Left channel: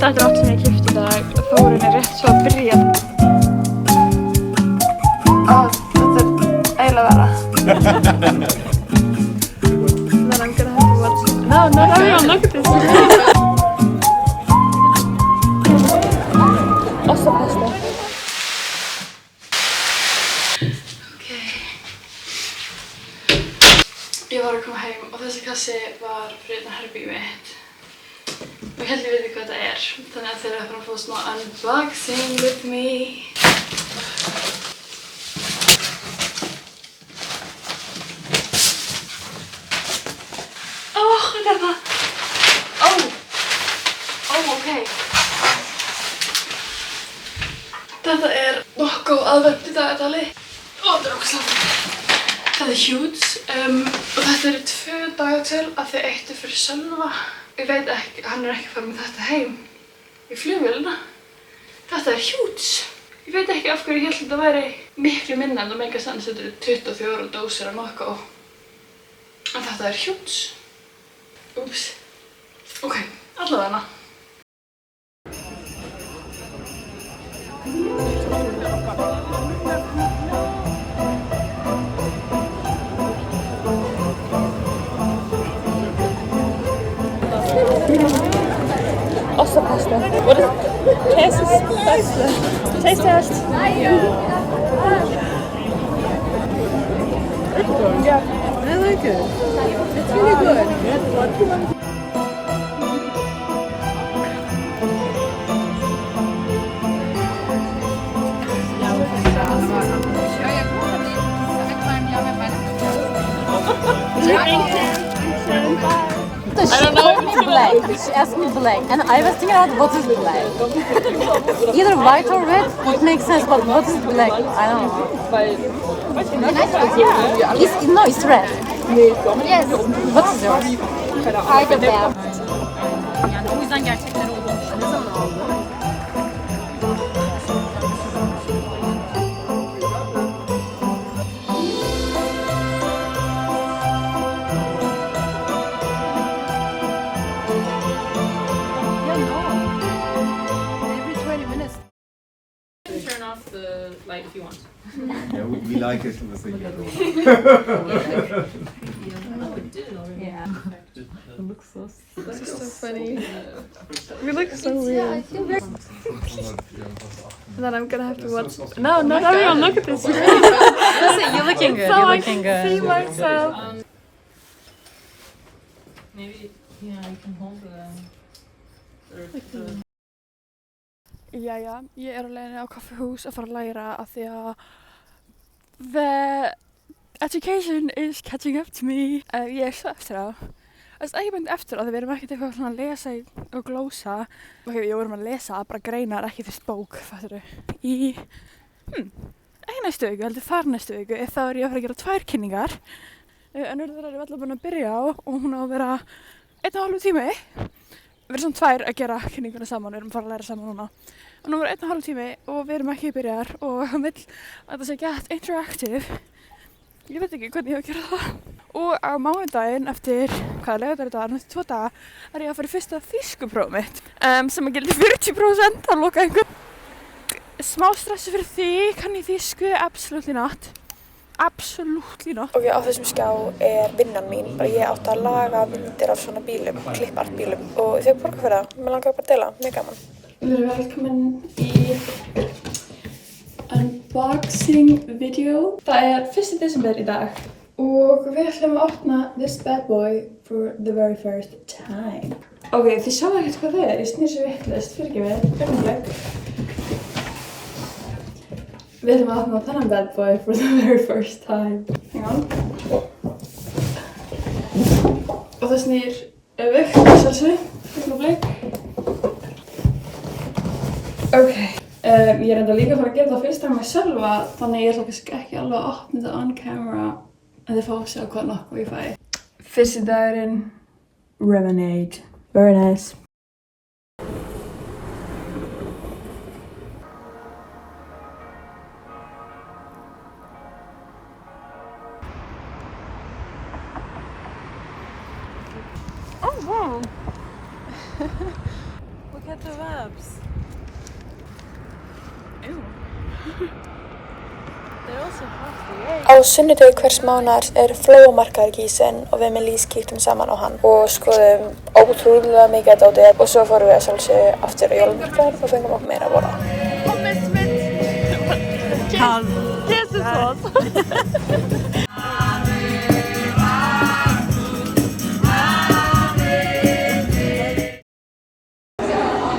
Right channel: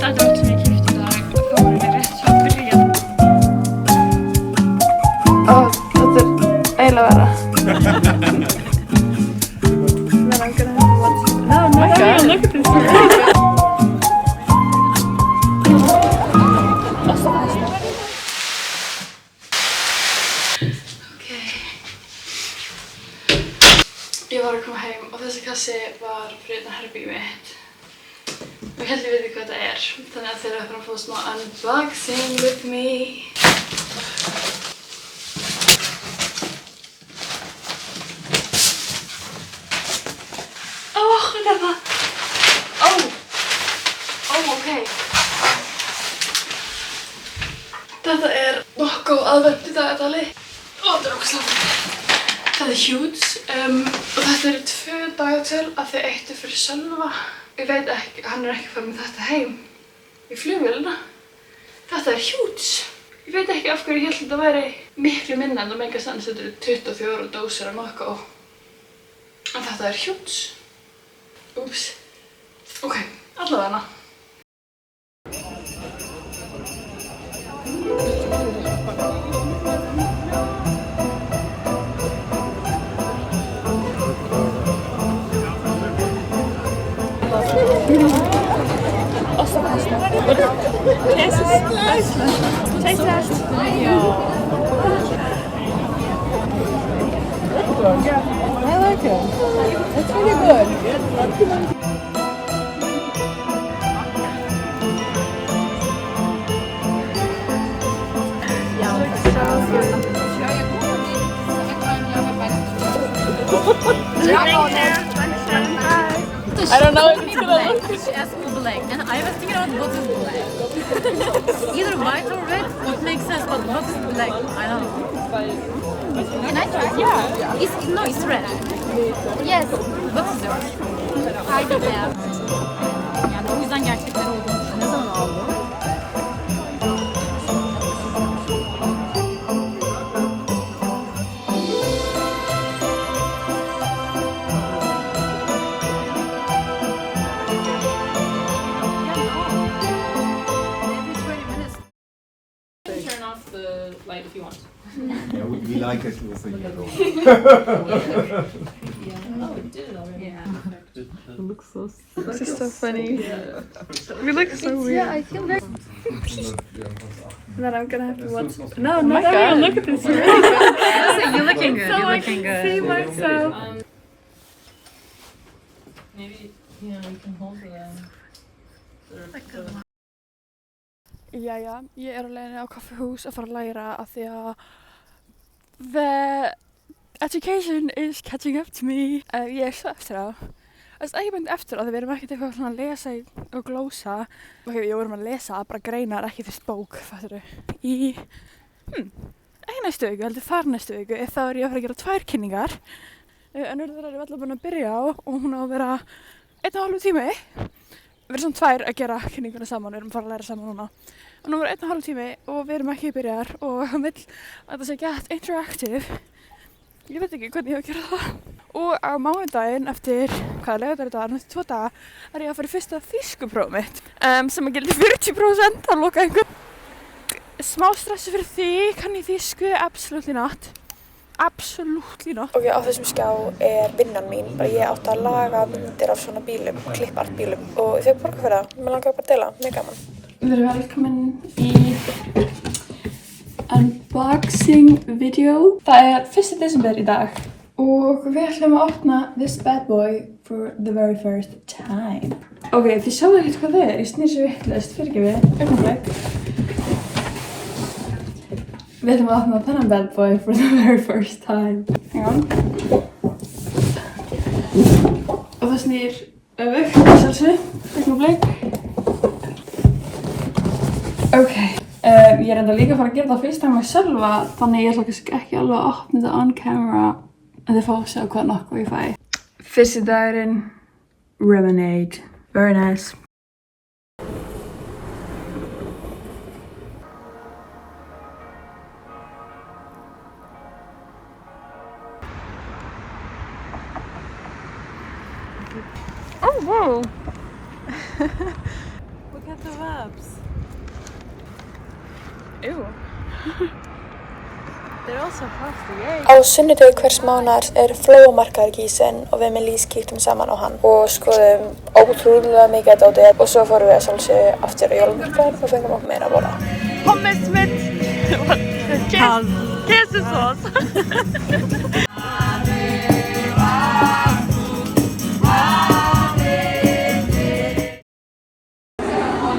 Þetta er allt sem ég keypti í dag. Það var rétt svo að byrja. Ó, þetta er eiginlega verra. Then I'm gonna have to watch. No, everyone look at this. Ostapasta. Okay. Ég var að koma heim og þessi kassi var fyrir þetta herbergið mitt. Og ég held ég veit hvað þetta er. Þannig að þeir eru að fara að fá smá unboxing with me. Þetta er nokkuð aðvend í dagatali. Þetta er ógeðslega. Það er huge. Og þetta eru 2 dagatöl af því 1 fyrir Sölva. Ég veit ekki, hann er ekki farið með þetta heim í flugvélina. Þetta er huge. Ég veit ekki af hverju ég held að þetta væri miklu minna en það meikar sens. Þetta eru 24 dósir af nokkuð. En þetta er huge. Úps. Ok, allavega. Ostapasta. What is taste test? Yeah, I like it. It's really good. I don't know if it's black. She asked me black. And I was thinking out what is black. Either white or red would make sense, but what is black? I don't know. Can I try? Yeah. No, it's red. Yes. What is yours? Harbi black. Yani o yüzden gerçekleri olduğunu düşünüyorum. Ne zaman aldın? The light if you want. Yeah, we like it with the yellow. Oh, it did already. Yeah. It looks so sick. This is so funny. We look so weird. I think there's... And then I'm gonna have to watch. No, not everyone look at this. You're looking good. So You're I looking can good. see myself. Maybe, you can hold the... Jæja, ég er á leiðinni á kaffihús að fara að læra af því að the education is catching up to me. Ég er svo eftir á. Það er ekki beint eftir á því við erum ekkert eitthvað svona að lesa og glósa. Ok, við vorum að lesa, bara greinar, ekki fyrst bók, fattur þau. Ekki næstu viku, heldur þar næstu viku, þá er ég að fara að gera 2 kynningar. Önnur þeirra er við allar búin að byrja á og hún á að vera 1,5 tími. Við erum svona 2 að gera kynninguna saman, við erum að fara að læra saman núna. Og nú er 1,5 tími og við erum ekki byrjar og hann vill að það sé gett interactive. Ég veit ekki hvernig ég á að gera það. Og á mánudaginn eftir, hvaða laugardagur þetta var, eftir 2 daga, er ég að fara í fyrsta þýskupróf mitt. Sem að gildi 40% að loka einhver. Smá stressi fyrir því, kann ég þýsku? Absolutely not. Absolutely not. Ok, á þessum skjá er vinnan mín. Bara ég átti að laga myndir af svona bílum, klippartbílum. Og ég fekk borga fyrir það. Mér langaði bara að deila, mjög gaman. Við erum velkomin í unboxing video. Það er 1. desember í dag. Og við ætlum að opna this bad boy for the very first time. Ok, þið sjáu ekkert hvað það er. Ég snýr sér vitlaust, fyrirgefið, augnablik. Við ætlum að opna þennan bad boy for the very first time. Já. Og það snýr öfugt, sjálfsög, augnablik. Ok. Ég er enda líka að fara að gera það fyrst time að Sölva, þannig ég ætla kannski ekki alveg að opna þetta on camera. En þið fá að sjá hvað nokkuð ég fæ. Fyrsti dagurinn, Lemonade. Very nice. Oh, wow. Look at the webs. Ew. They're also plastic. Á sunnudegi hvers mánaðar er flóamarkaður í Gießen og við með Lís kíktum saman á hann og skoðum ótrúlega mikið að dóti og svo fórum við að sjálfsögðu aftur á jólamarkaður og fengum okkur meira að borða. Pommes mit Käsesauce.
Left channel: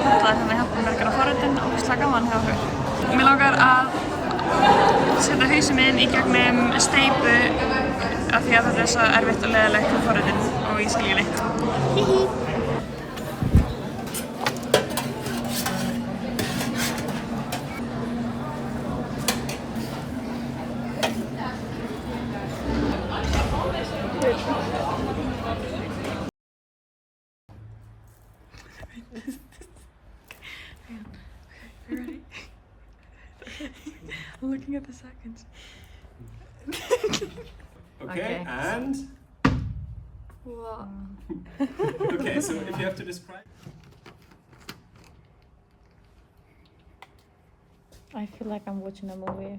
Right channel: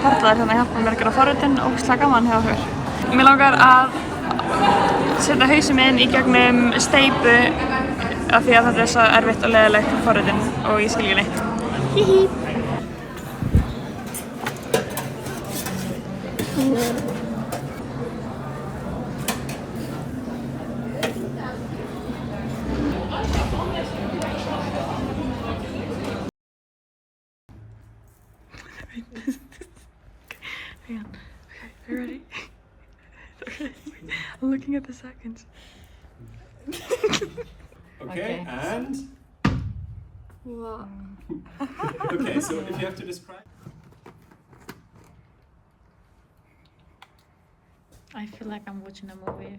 Karla er hérna að hjálpa mér að gera forritun og ógeðslega gaman hjá okkur. Mér langar að setja hausinn minn í gegnum steypu af því að þetta er svo erfitt og leiðilegt með forritun og ég skil ekki neitt. Hihi. Hang on. Okay, are you ready? I'm looking at the seconds. Okay, and? Okay, so if you have to describe. I feel like I'm watching a movie.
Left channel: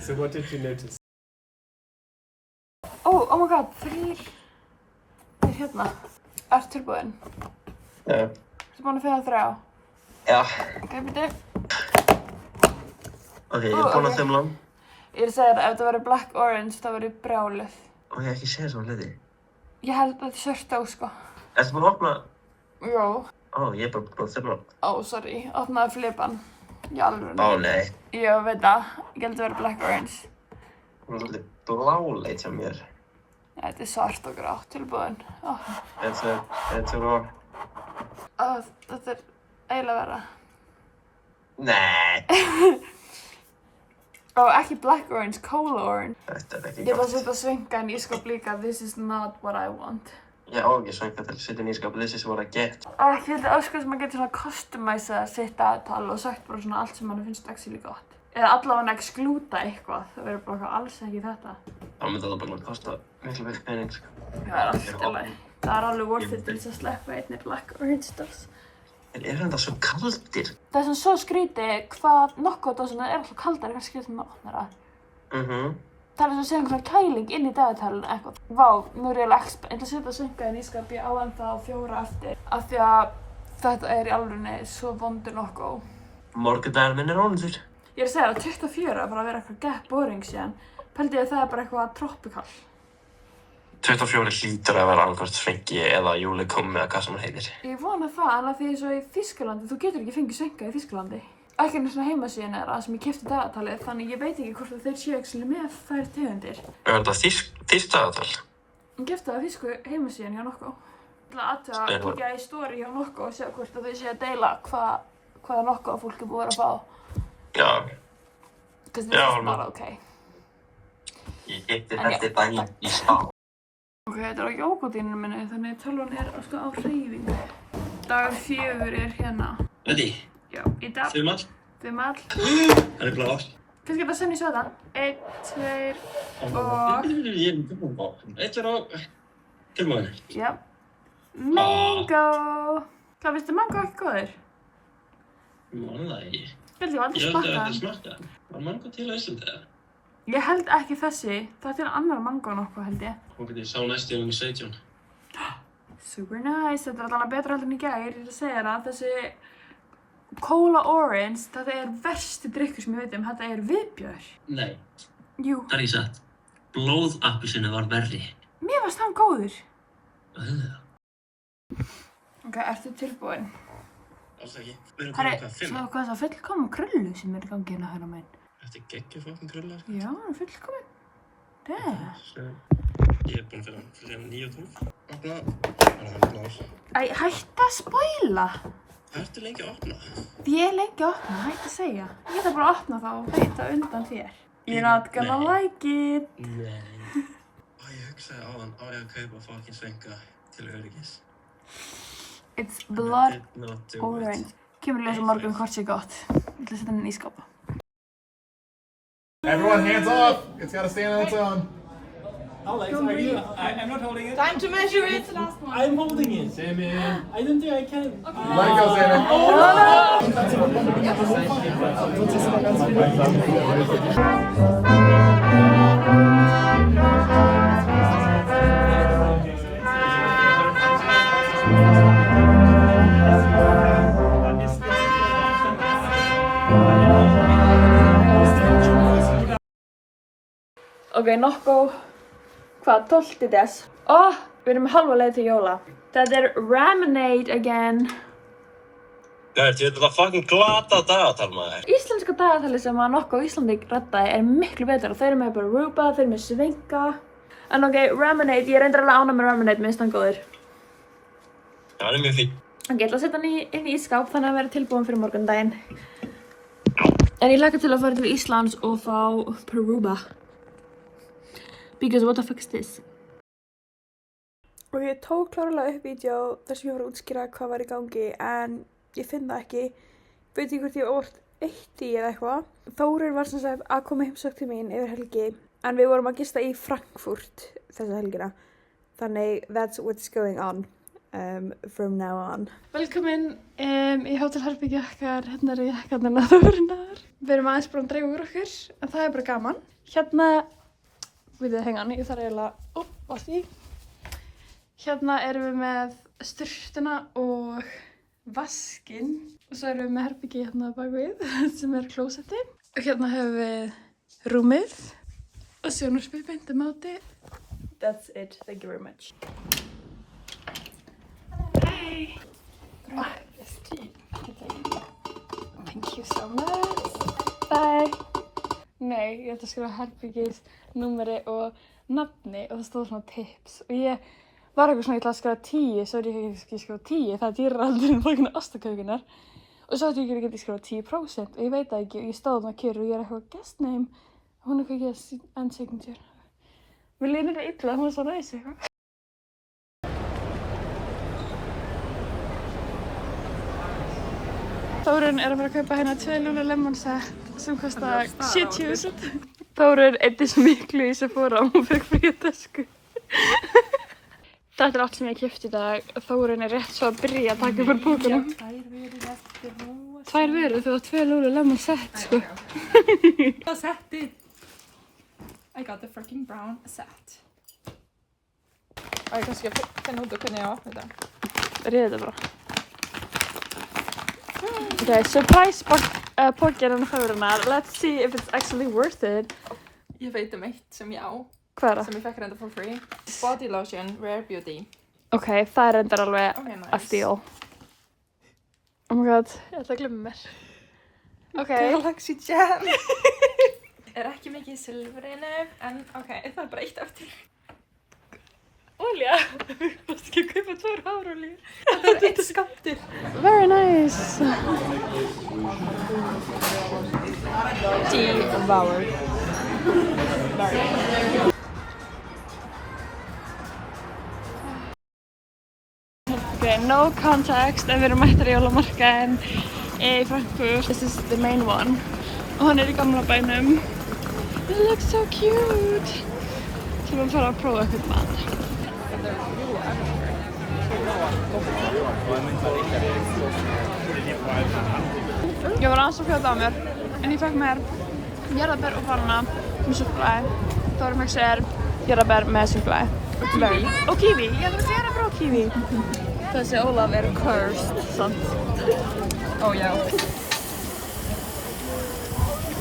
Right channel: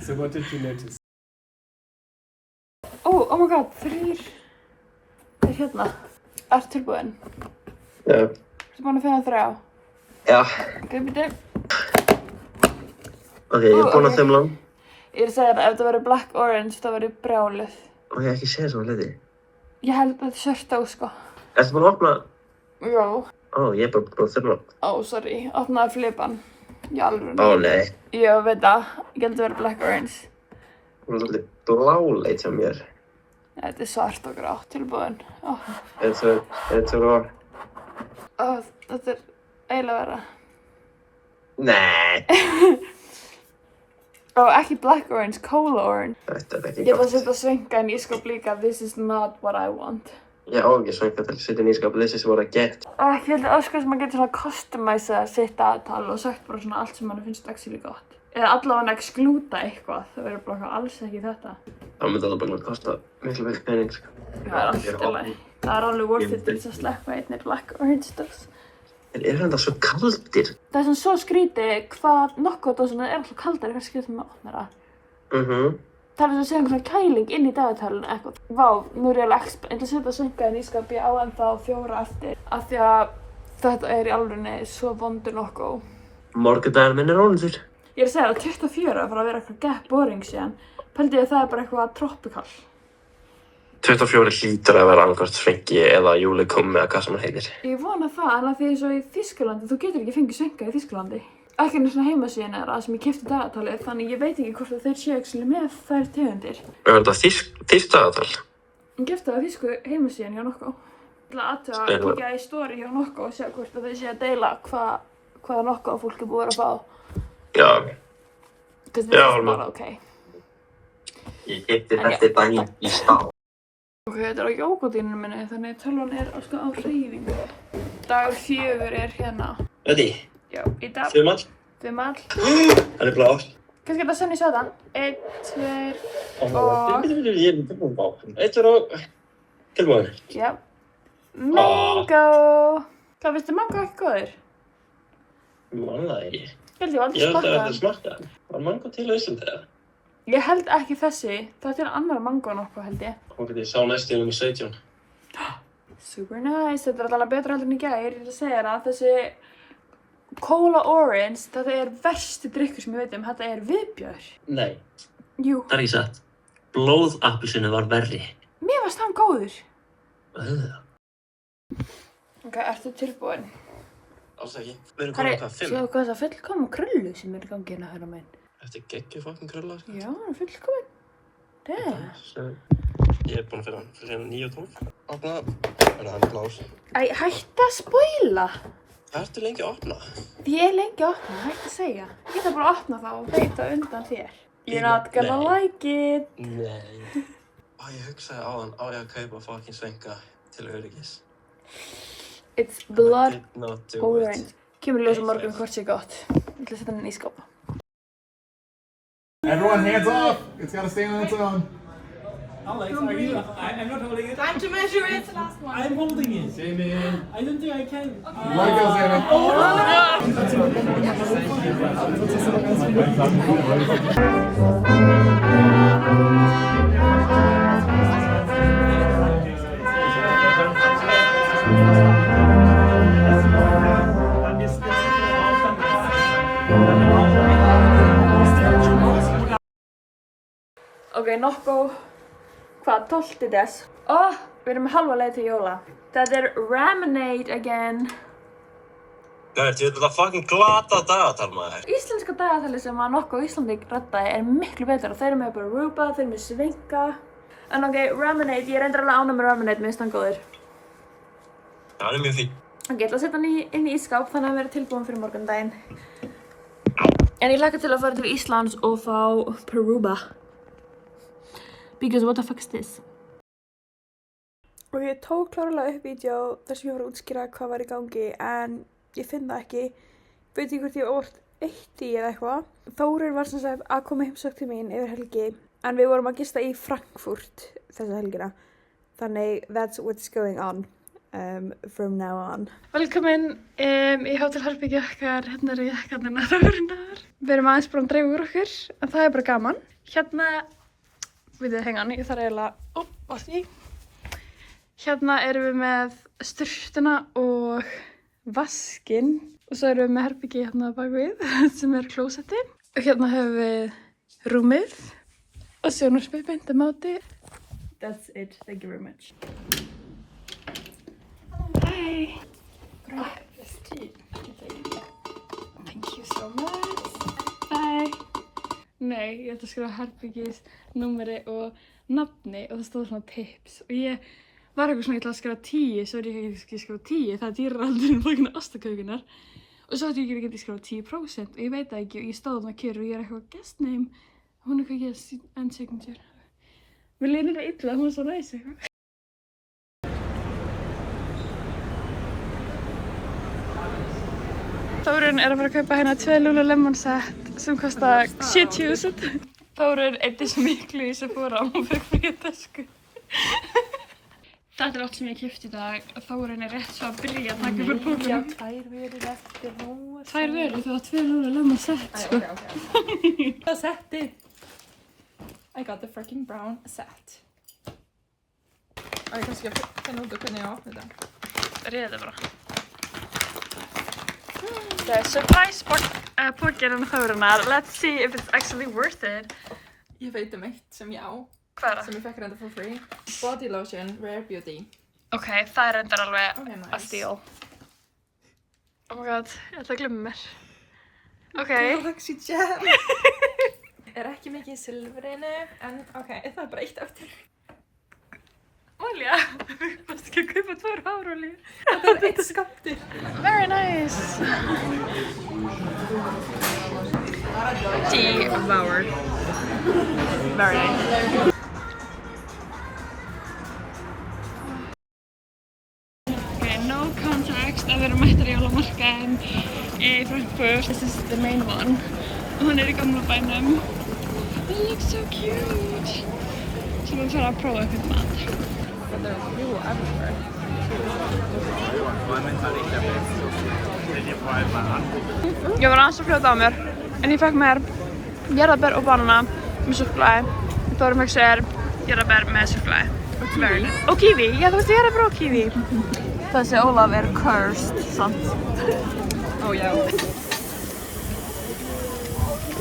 So what did you notice? Oh my god, 3 er hérna. Ertu tilbúinn? Já. Ertu búinn að finna 3? Já. Ok, byrju. Ok, ég er búinn að þeim lang. Ég er að segja það, ef það verður black orange, það verður brjáluð. Og ég hef ekki séð svona hluti. Ég held að þetta er svört á, sko. Ertu búinn að opna? Já. Ó, ég er bara búinn að þeim lang. Ó, sorry. Opnaði flipan. Í alvörunni. Ó, nei. Já, veit það. Ég held að verður black orange. Hún er svolítið bláleit hjá mér. Þetta er svart og grátt, tilbúinn. Þetta var... Þetta er eiginlega verra. Nei. Ekki black orange, cola orange. Þetta er ekki Ég ætla að gott. setja svengan í skáp líka. This is not what I want. Ég á ekki svænga til að setja inn í skáp. This is what I get. Ég held að öskar sem maður getur svona customæsa sitt aðtal og sagt bara svona allt sem mann finnst actually gott. Eða allavega excluda eitthvað. Það verður bara alls ekki þetta. Það myndi alveg bara að kosta miklu meiri pening, sko. Það er allt í lagi. Það er alveg worth it til þess að sleppa einni black orange stuff. En eru þetta svo kaldir? Það er svona svo skrítið hvað Nocco-dósina er alltaf kaldari hvernig skriftum með opnara. Það er eins og að segja einhvern svona kæling inn í dagatalinu eitthvað. Vá, nú er ég alveg ég ætla að setja svengaðinn í skáp, ég á ennþá 4 eftir. Af því að þetta er í alvörunni svo vondur Nocco. Morgundagurinn minn er ónýttur. Ég er að segja að 24 að fara að vera eitthvað gett boring síðan. Pældi ég að það er bara eitthvað tropical. 24 hlýtur að vera annarkvort Svenki eða Júlikum eða hvað sem hann heitir. Ég vona það, en að því svo í Þýskalandi, þú getur ekki fengið svenga í Þýskalandi. Ekki einu svona heimasíðan er það sem ég keypti dagatalið, þannig ég veit ekki hvort að þeir séu ekki með þær tegundir. Er þetta þýskt dagatal? Ég keypti það á þýsku heimasíðan hjá Nocco. Ég ætla að kíkja í story hjá Nocco og sjá hvort að þau séu að deila hvaða Nocco fólk er búið að fá. Já. Because this is not okay. Ég keypti þetta daginn í stað. Ok, þetta er á jógódíninu minni, þannig að tölvan er sko á hreyfingu. Dagur 4 er hérna. Ready? Já, í dag. 5 all? 5 all. Það er blá. Kannski þetta senni sötan. 1, 2 og... Ég er tilbúin á. 1, 2 og... Tilbúin. Já. Mango! Hvað finnst þið mango ekki góður? Man það ekki. Ég held ég aldrei Ég held að smakka þetta hann. smakka hann. Var mango til á Íslandi eða? Ég held ekki þessi. Það er til annar mango nokkuð held ég. Hún getur sá næst í nummer 17. Super nice. Þetta er alveg betra heldur en í gær. Ég er að segja það. Þessi Cola Orange, þetta er versti drykkur sem ég veit um. Þetta er viðbjör. Nei, Jú. það er ekki satt. Blóðappelsinu var verri. Mér varst hann góður. Ok, ertu tilbúin? Alls ekki. Við erum Hvað komin er, á hvað, 5? sjáðu hvað það fullkoma krullu sem er í gangi hérna hægra megin. Þetta er geggjur fucking krulla, sko. Já, hann er fullkomin. Damn. Ég er búinn að fyrir hann fyrir 9 og 12. Opna. Þannig að hann er blár. Æ, hætti að spoila. Hvað ertu lengi að opna? Ég er lengi að opna, hætti að segja. Ég geta bara að opna það og veita undan þér. You're not gonna like it. Nei. Ég hugsaði á hann, á ég að kaupa fucking svenga til öryggis. It's blood I did not do orange. Kemur í ljós á morgun hvort sé gott. Ég ætla að setja hann í skápa. Everyone, hands off. It's got to stand on its own. Alex, are you? I'm not holding it. Time to measure it. Last one. I'm holding it. Damon. I don't think I can. Let it go, Sammy. Ok, nokkuð, hvað, 12. des? Við erum halva leið til jóla. Þetta Raminade again. Gæti, þetta er fucking glata dagatal maður. Íslenska dagatali sem að nokkuð á Íslandi reddaði miklu betur og þeir eru með bara Aruba, þeir eru með Svinga. En ok, Raminade, ég reyndir alveg ánað með Raminade, minnst hann góður. Já, hann mjög fín. Ok, ég ætla að setja hann inn í ísskáp þannig að vera tilbúin fyrir morgundaginn. En ég hlakka til að fara til Íslands og fá Aruba. Because what the fuck is this? Og ég tók klárlega upp vídeo þar sem ég var að útskýra hvað var í gangi en ég finn það ekki. Veit ekki hvort ég orð eitt í eða eitthvað. Þórir var sem sagt að koma heimsókn til mín yfir helgi en við vorum að gista í Frankfurt þessa helgina. Þannig that's what's going on from now on. Velkomin í hótelherbergið okkar. Hérna eru jakkarnir Þórinnar. Við erum aðeins búin að dreifa úr okkur en það er bara gaman. Hérna við þið hengan, ég þarf eiginlega, vaski. Hérna erum við með sturtuna og vaskinn og svo erum við með herbergi hérna bak við sem klósettið. Og hérna höfum við rúmið og sjónvarpið beint á móti. That's it, thank you very much. Hey! Thank you so much. Bye! Nei, ég ætla að skrifa herbergis, númeri og nafni og það stóð svona tips og ég var eitthvað svona, ég ætla að skrifa 10, svo er ég ekki að skrifa 10, það er dýrar heldur en þakna ostakaukunar og svo ætti ég ekki að skrifa 10% og ég veit það ekki og ég stóð þarna kyrr og ég er eitthvað guest name og hún er eitthvað yes and signature. Mér líður það illa, hún er svo næs eitthvað. Þórun er að fara að kaupa hérna 2 Lululemon set sem kostar 70.000. Þórun eittist miklu í Sephora og hún fekk fyrir tösku. Þetta er allt sem ég keypti í dag. Þórun er rétt svo að byrja að taka fyrir búkunum. Já, 2 vörur eftir nú. 2 vörur, þú var 2 Lululemon set sko. So settið. I got the freaking brown set. Og ég kannski finna út hvernig ég opna þetta. Réðu bara. Okay, surprise pocket on Þórunnar. Let's see if it's actually worth it. Ég veit eitt sem ég á. Hvað er það? Sem ég fekk reynda for free. Body lotion, Rare Beauty. Ok, það er reyndar alveg Ok, nice. a steal. Oh my god, ég ætla að glemma mér. Ok. Galaxy Gel. Er ekki mikið í silfrinu, en ok, það er bara eitt eftir. Olja. Þú mást ekki að kaupa 2 hárolíu. Það er eitt skammtur. Very nice. Devoured. Very nice. Okay, no context en við erum mættar í jólamarkaðinn í Frankfurt. This is the main one. Og hann er í gamla bænum. It looks so cute. Svo við fara að prófa eitthvað mat. Ég var aðeins að fljóta á mér, en ég fekk mér jarðarber og banana með súkkulaði. Þórum fekk sér jarðarber með súkkulaði. Og kiwi. Og kiwi, já þú veist jarðarber og kiwi. Þessi Ólaf er cursed, sant? Ó já.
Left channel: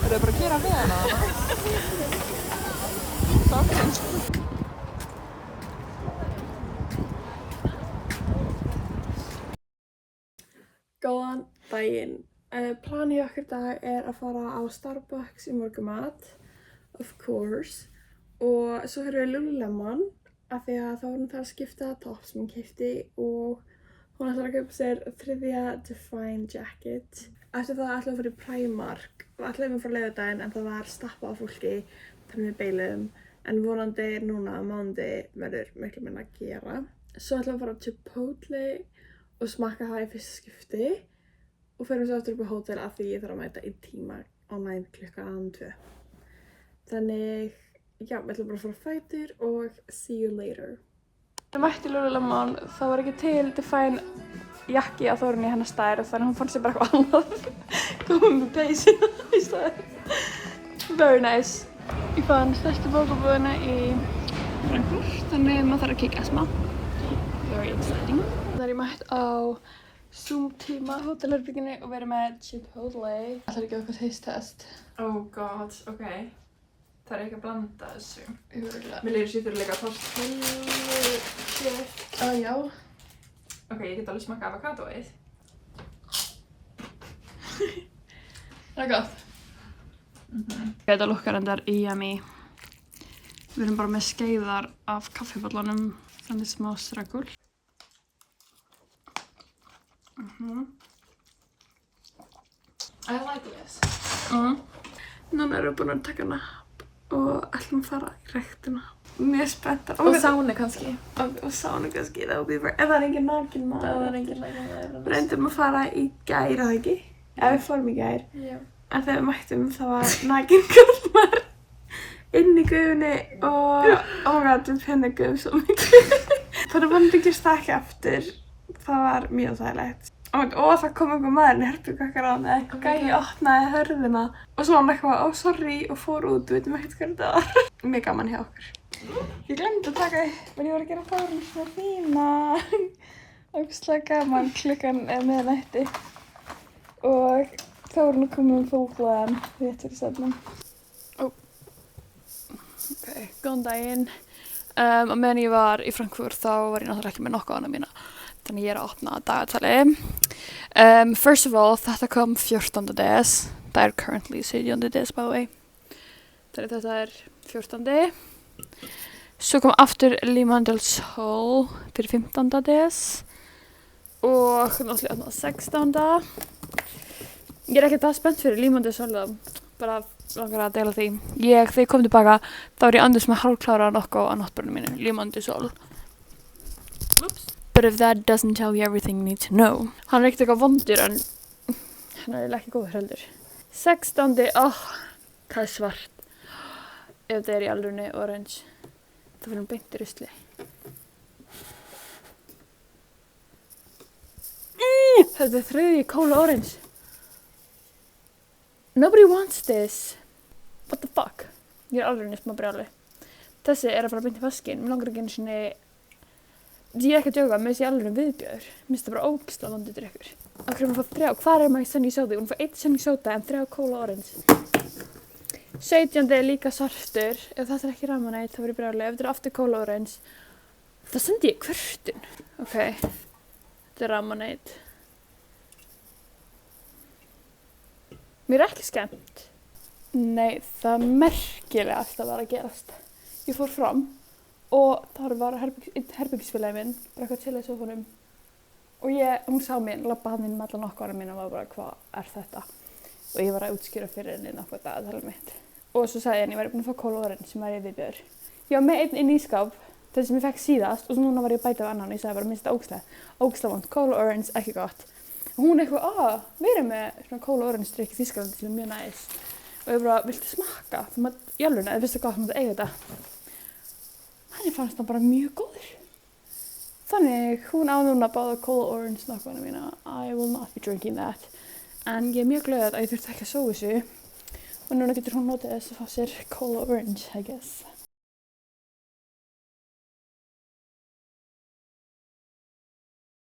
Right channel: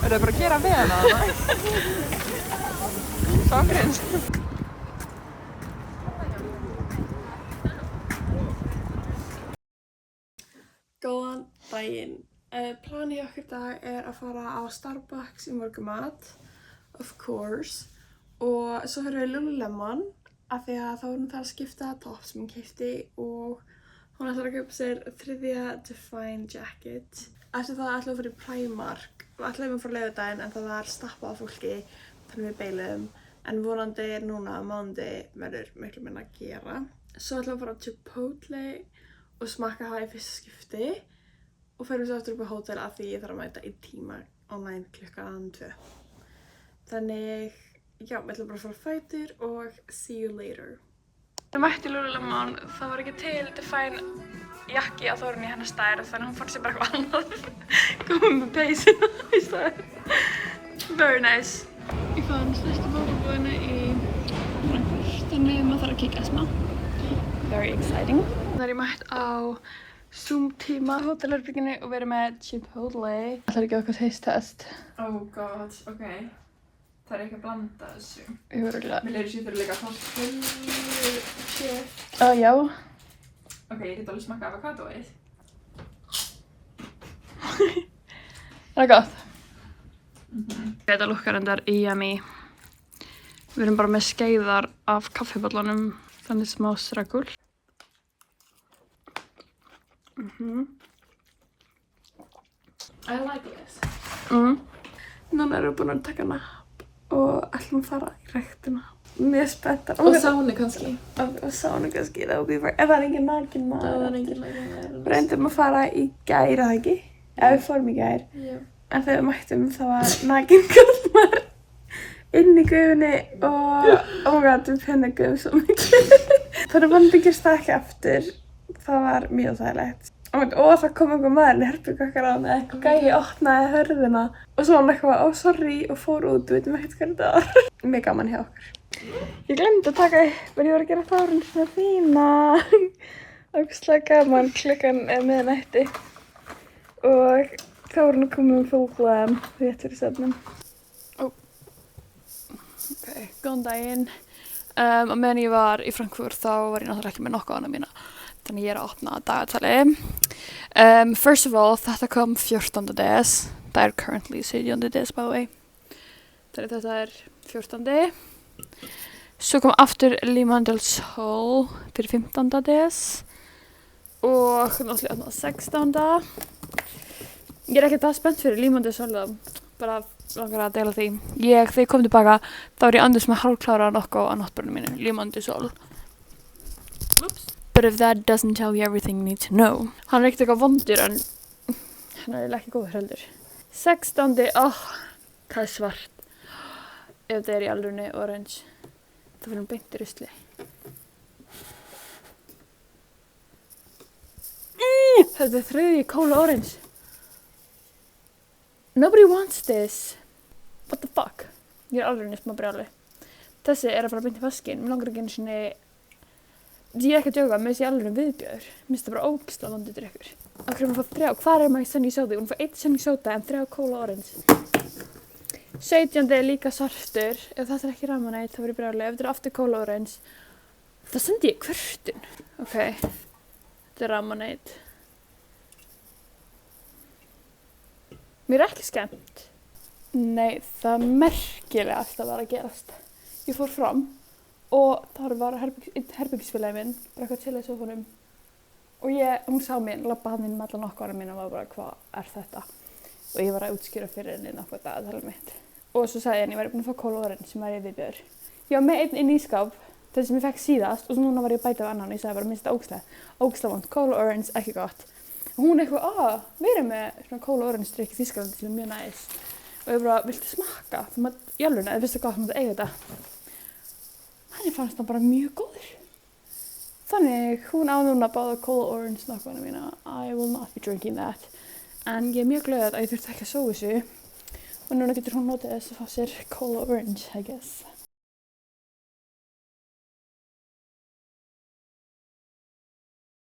Er það bara að gera með hana? Ok. Góðan daginn. Planið okkur í dag er að fara á Starbucks í morgumat, of course. Og svo höfum við Lululemon, af því að þá var hún það að skipta topp sem hún keypti og hún ætlar að kaupa sér 3. Define jacket. Eftir það ætlaði að fara í Primark. Við ætlaðum að fara á laugardaginn en það var stappað af fólki, þannig við beilum. En vonandi núna á mánundi verður miklu minna að gera. Svo ætlaðum að fara á Chipotle og smakka það í fyrsta skipti og förum svo aftur upp á hótel af því ég þarf að mæta í tíma online klukkan 2. Þannig, já, við ætlum bara að fara á fætur og see you later. Ég mætti Lululemon, það var ekki til Define jakki á Þórunni í hennar stær og þannig hún fann sér bara eitthvað annað. Komum með peysu í stær. Very nice. Ég fann stærstu bókabúðina í Frankfurt, þannig maður þarf að kíkja smá. Very exciting. Það er ég mætt á Zoom-tíma hótelherbygginu og verið með Chipotle. Það er ekki okkar taste test. Oh god, ok. Það er ekki að blanda þessu. Ég var örugglega. Mér leiðir sér fyrir líka tortillu shit. Já. Ok, ég get alveg smakka avokadóið. Það er gott. Þetta lukkar endar yummy. Við erum bara með skeiðar af kaffibollunum, þannig smá stregul. I like this. Núna erum við búin að taka napp og ætlum að fara í ræktina. Mjög spenntar. Og sáni kannski. Og sánu kannski, það var bara, ef það er engin nakin maður. Það er engin maður. Reyndum að fara í gær, það ekki? Já, við fórum í gær. Já. En þegar við mættum, það var nakin karlmaður inn í gufunni og oh my god, við pennaguðum svo mikið. Þannig vonandi gerst það ekki aftur. Það var mjög þægilegt. Og það kom einhver maður í herbergi okkar á með eitthvað gæi, opnaði hörðina og svo hann eitthvað, oh sorry, og fór út, við veitum ekkert hvað þetta var. Mjög gaman hjá okkur. Ég glemdi að taka upp, en ég var að gera Þórunn svona fína. Ógeðslega gaman, klukkan er miðnætti. Og Þórunn kom með fólkbúðan rétt fyrir svefnum. Ok, góðan daginn. Og meðan ég var í Frankfurt þá var ég náttúrulega ekki með nokkuð annað mína. Þannig ég er að opna dagatali. First of all, þetta kom 14. des. Það er currently 17. des, by the way. Þannig þetta er 14. Svo kom aftur Liman del Sol fyrir 15. des. Og náttúrulega opnað 16. Ég er ekki það spennt fyrir Liman del Sol þá. Bara langar að deila því. Þegar ég kom tilbaka, þá var ég andurs með hálfklára nokkuð á náttbörnum mínu, Liman del Sol. Oops. But if that doesn't tell you everything you need to know. Hann er ekkert eitthvað vondur en hann er ekki góður heldur. 16. Það er svart. Ef það er í alvörunni orange. Það fyrir beint í rusli. Þetta er þriðji Cola Orange. Nobody wants this. What the fuck? Ég er alvörunni smá brjáli. Þessi er að fara beint í vaskinn. Mér langar ekki einu sinni. Ég er ekki að djóka, mér finnst ég alveg viðbjöður. Mér finnst það bara ógeðslega vondur drykkur. Af hverju maður fá 3? Hvað er maður Sunny Soda? Hún fá 1 Sunny Soda en 3 Cola Orange. 17. er líka svartur. Ef þetta er ekki Ramonade, þá verður ég brjáli. Ef þetta er aftur Cola Orange, þá sendi ég kvörtun. Ok, þetta er Ramonade. Mér er ekki skemmt. Nei, það merkilega alltaf var að gerast. Ég fór fram. Og þar var herbergisfélagi minn, bara eitthvað til í sófanum. Og hún sá mér, labba hann inn með alla nokkara mín og var bara, hvað er þetta? Og ég var að útskýra fyrir henni nokkuð dagatalið mitt. Og svo sagði henni, ég væri búin að fá Cola Orange sem var ég viðbjöður. Ég var með einn inn í skáp, þessi sem ég fekk síðast, og svo núna var ég að bæta af annan og ég sagði bara, minnst þetta ógeðslega vont, Cola Orange, ekki gott. Og hún eitthvað, við erum með svona Cola Orange drykk í Þýskalandi sem er mjög næs. Og ég bara, viltu smakka? Jálfurna, eða finnst það gott að eiga þetta? Henni fannst það bara mjög góður. Þannig, hún á núna báða Cola Orange snakkana mína. I will not be drinking that. En ég er mjög glöð að ég þurfti ekki að sóa þessu. Og núna getur hún notið þess að fá sér Cola Orange, I guess.